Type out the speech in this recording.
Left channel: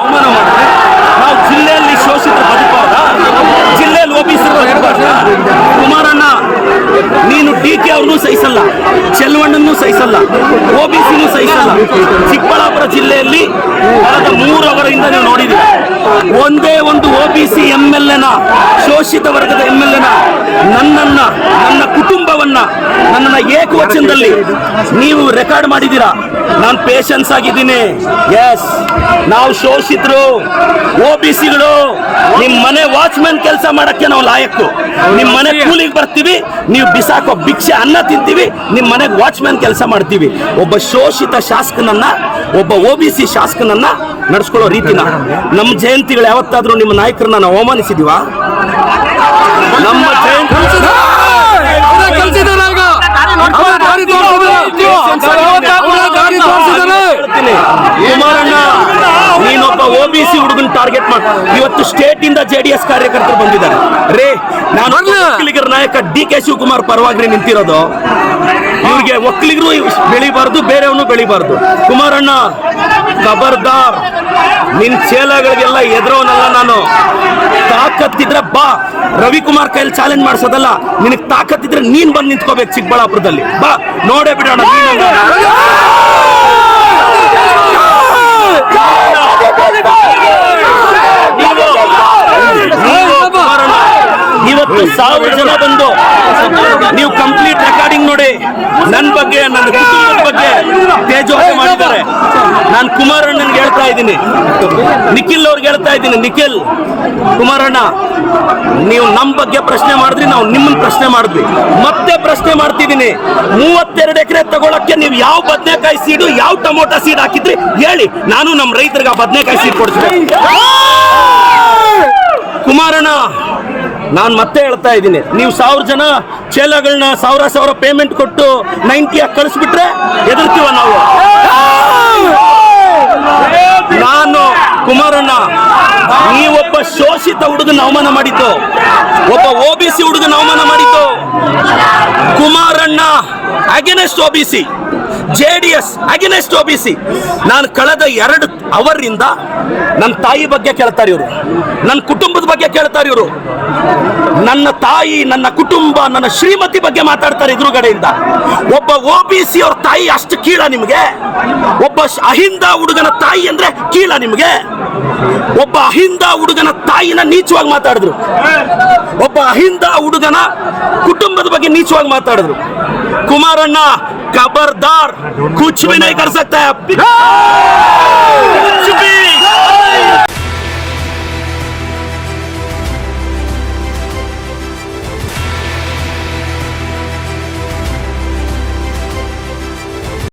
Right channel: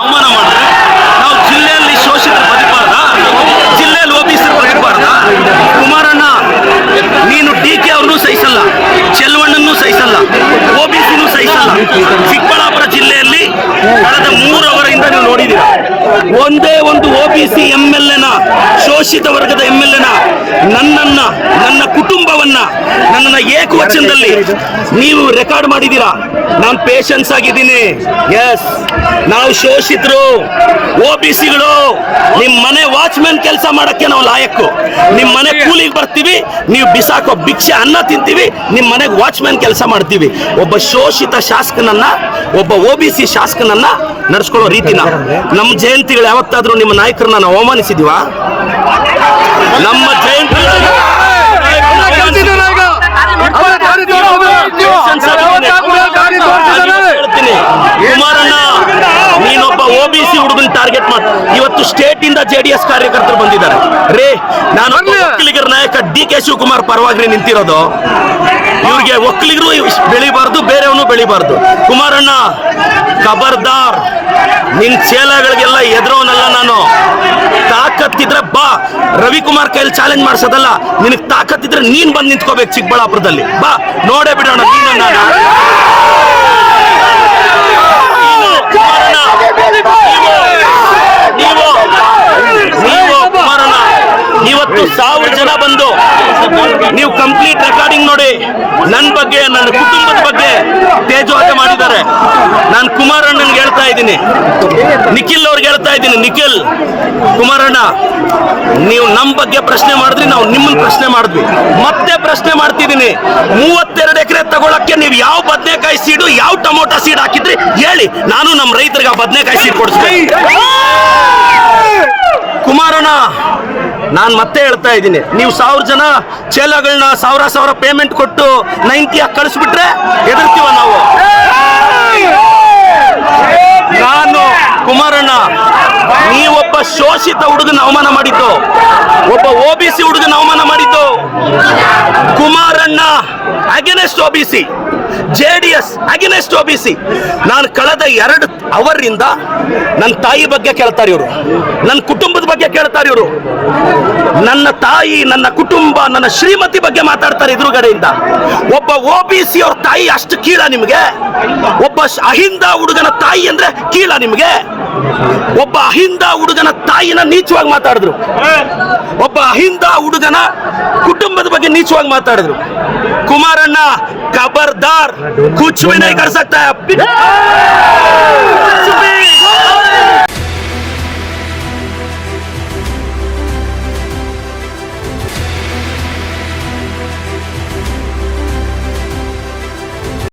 ಅವಮಾನ ಮಾಡಿದ್ರೆ ನಾವು ಜಿಲ್ಲೆಯಲ್ಲಿ ಶೋಷಿತರು ಬದುಕಬಾರ್ದ? ಜಿಲ್ಲೆಯಲ್ಲಿ ಓಬಿಸಿರು ಬದುಕಬಾರ್ದ? ಕುಮಾರಣ್ಣ, ನೀನು DK ಅವ್ರನ್ನೂ ಸಹಿಸಲ್ಲ, ಚೆಲುವಣ್ಣನೂ ಸಹಿಸಲ್ಲ, OBCನೂ ಸಹಿಸಲ್ಲ. ಚಿಕ್ಕಬಳ್ಳಾಪುರ ಜಿಲ್ಲೆಯಲ್ಲಿ ಕಳೆದ 3 ಅವರಿಂದ ನೀವು ನೋಡಿದ್ದೀರ, ಒಂದೇ ಒಂದು OBC MLA ಶೋಷಿತ ವರ್ಗದ MLA ನನ್ನ ಕುಟುಂಬವನ್ನ ನನ್ನನ್ನು ಏಕವಚನದಲ್ಲಿ ನೀವು ರೆಕಾರ್ಡ್ ಮಾಡಿದ್ದೀರಾ. ನಾನು ಪೇಷನ್ಸ್ ಆಗಿದ್ದೀನಿ. ಎಸ್, ನಾವು ಶೋಷಿತರು, OBCಗಳು. ನಿಮ್ಮ ಮನೆ ವಾಚ್ಮ್ಯಾನ್ ಕೆಲಸ ಮಾಡಕ್ಕೆ ನಾವು ಲಾಯಕ್ಕು. ನಿಮ್ಮ ಮನೆ ಕೂಲಿಗೆ ಬರ್ತೀವಿ, ನೀವು ಬಿಸಾಕೋ ಭಿಕ್ಷೆ ಅನ್ನ ತಿಂತೀವಿ, ನಿಮ್ಮ ಮನೆಗೆ ವಾಚ್ಮ್ಯಾನ್ ಕೆಲಸ ಮಾಡ್ತೀವಿ. ಒಬ್ಬ ಶೋಷಿತ ಶಾಸಕನನ್ನ, ಒಬ್ಬ OBC ಶಾಸಕನನ್ನ ನಡೆಸ್ಕೊಳ್ಳೋ ರೀತಿನ ನಮ್ಮ ಜಯಂತಿಗಳು ಯಾವತ್ತಾದ್ರೂ ನಿಮ್ಮ ನಾಯಕರನ್ನ ನಾವು ಅವಮಾನಿಸಿದೀವ? ನಮ್ಮ ಜಯಂತಿಗಳು ಕುಮಾರಣ್ಣ, ನೀನೊಬ್ಬ OBC ಹುಡುಗನ್ ಟಾರ್ಗೆಟ್ ಮಾಡಿ ಇವತ್ತು ಸ್ಟೇಟ್ ಇಂದ JDS ಕಾರ್ಯಕರ್ತರು ಬಂದಿದ್ದಾರೆ. ರೇ, ನಾನು ಒಕ್ಕಲಿಗರ ನಾಯಕ DK ಶಿವಕುಮಾರ್ ಪರವಾಗಿ ನಿಂತಿರೋದು. ಇವ್ರಿಗೆ ಒಕ್ಕಲಿಗರು ಬೆಳಿಬಾರ್ದು, ಬೇರೆಯವನು ಬೆಳಿಬಾರ್ದು. ಕುಮಾರಣ್ಣ, ಖಬರ್ದಾರ್, ನಿನ್ ಚೇಲಗಳಿಗೆಲ್ಲ ಎದುರೋನಲ್ಲ ನಾನು. ತಾಕತ್ತಿದ್ರೆ ಬಾ, ರವಿಕುಮಾರ್ ಕೈಲಿ ಚಾಲೆಂಜ್ ಮಾಡಿಸೋದಲ್ಲ. ನಿನಗೆ ತಾಕತ್ತಿದ್ರೆ ನೀನ್ ಬಂದು ನಿಂತ್ಕೋಬೇಕು ಚಿಕ್ಕಬಳ್ಳಾಪುರದಲ್ಲಿ. ಬಾ, ನೋಡೇ ಬಿಡೋಣ ನೀನನ್ನ. ನೀವು ಕುಮಾರಣ್ಣ, ಇವತ್ತು 1000 ಜನ ಬಂದು ನೀವು ಕಂಪ್ಲೀಟ್ ರೆಕಾರ್ಡಿಂಗ್ ನೋಡಿ, ನನ್ನ ಬಗ್ಗೆ, ನನ್ನ ಕುಟುಂಬದ ಬಗ್ಗೆ ತೇಜೋವಧ ಮಾಡಿದ್ದಾರೆ. ನಾನು ಕುಮಾರಣ್ಣನಿಗೆ ಹೇಳ್ತಾ ಇದ್ದೀನಿ, ನಿಖಿಲ್ ಅವ್ರಿಗೆ ಹೇಳ್ತಾ ಇದ್ದೀನಿ, ನಿಖಿಲ್, ಕುಮಾರಣ್ಣ, ನೀವು ನಮ್ಮ ಬಗ್ಗೆ ಪ್ರಶ್ನೆ ಮಾಡಿದ್ರಿ, ನಾವು ನಿಮ್ಮನ್ನ ಪ್ರಶ್ನೆ ಮಾಡಿದ್ವಿ, ಮತ್ತೆ ಪ್ರಶ್ನೆ ಮಾಡ್ತಿದ್ದೀನಿ. 32 ಎಕರೆ ತಗೊಳಕ್ಕೆ ನೀವು ಯಾವ ಬದನೆಕಾಯಿ ಸೀಡು, ಯಾವ ಟೊಮೊಟೊ ಸೀಡ್ ಹಾಕಿದ್ರಿ ಹೇಳಿ, ನಾನು ನಮ್ಮ ರೈತರಿಗೆ ಆ ಬದನೆಕಾಯಿ ಸೀಡ್ ಕೊಡಿಸ್ಬೇಕು. ಕುಮಾರಣ್ಣ, ನಾನು ಮತ್ತೆ ಹೇಳ್ತಾ ಇದ್ದೀನಿ, ನೀವು 1000 ಜನ ಚೇಲಗಳನ್ನ 1000 ಪೇಮೆಂಟ್ ಕೊಟ್ಟು 90 ಕಳಿಸ್ಬಿಟ್ರೆ ಎದುರ್ತೀವ ನಾವು. ನಾನು ಕುಮಾರಣ್ಣ, ನೀವೊಬ್ಬ ಶೋಷಿತ ಹುಡುಗನ ಅವಮಾನ ಮಾಡಿದ್ದು, ಒಬ್ಬ OBC ಹುಡುಗನ ಅವಮಾನ ಮಾಡಿದ್ದು. Kumaranna against OBC, JDS against OBC. ನಾನು ಕಳೆದ 2 ಅವರಿಂದ ನನ್ನ ತಾಯಿ ಬಗ್ಗೆ ಕೇಳ್ತಾರೆ ಇವರು, ನನ್ನ ಕುಟುಂಬದ ಬಗ್ಗೆ ಕೇಳ್ತಾರೆ ಇವರು. ನನ್ನ ತಾಯಿ, ನನ್ನ ಕುಟುಂಬ, ನನ್ನ ಶ್ರೀಮತಿ ಬಗ್ಗೆ ಮಾತಾಡ್ತಾರೆ ಎದುರುಗಡೆಯಿಂದ. ಒಬ್ಬ OBC ಅವ್ರ ತಾಯಿ ಅಷ್ಟು ಕೀಳ ನಿಮಗೆ? ಒಬ್ಬ ಅಹಿಂದ ಹುಡುಗನ ತಾಯಿ ಅಂದ್ರೆ ಕೀಳ ನಿಮಗೆ? ಒಬ್ಬ ಅಹಿಂದ ಹುಡುಗನ ತಾಯಿನ ನೀಚವಾಗಿ ಮಾತಾಡಿದ್ರು, ಒಬ್ಬ ಅಹಿಂದ ಹುಡುಗನ ಕುಟುಂಬದ ಬಗ್ಗೆ ನೀಚವಾಗಿ ಮಾತಾಡಿದ್ರು. ಕುಮಾರಣ್ಣ, ಖಬರ್ದಾರ್, ಕುಚ್ ಭಿ ನಹೀ ಕರ್ ಸಕ್ತಾ ಹೈ.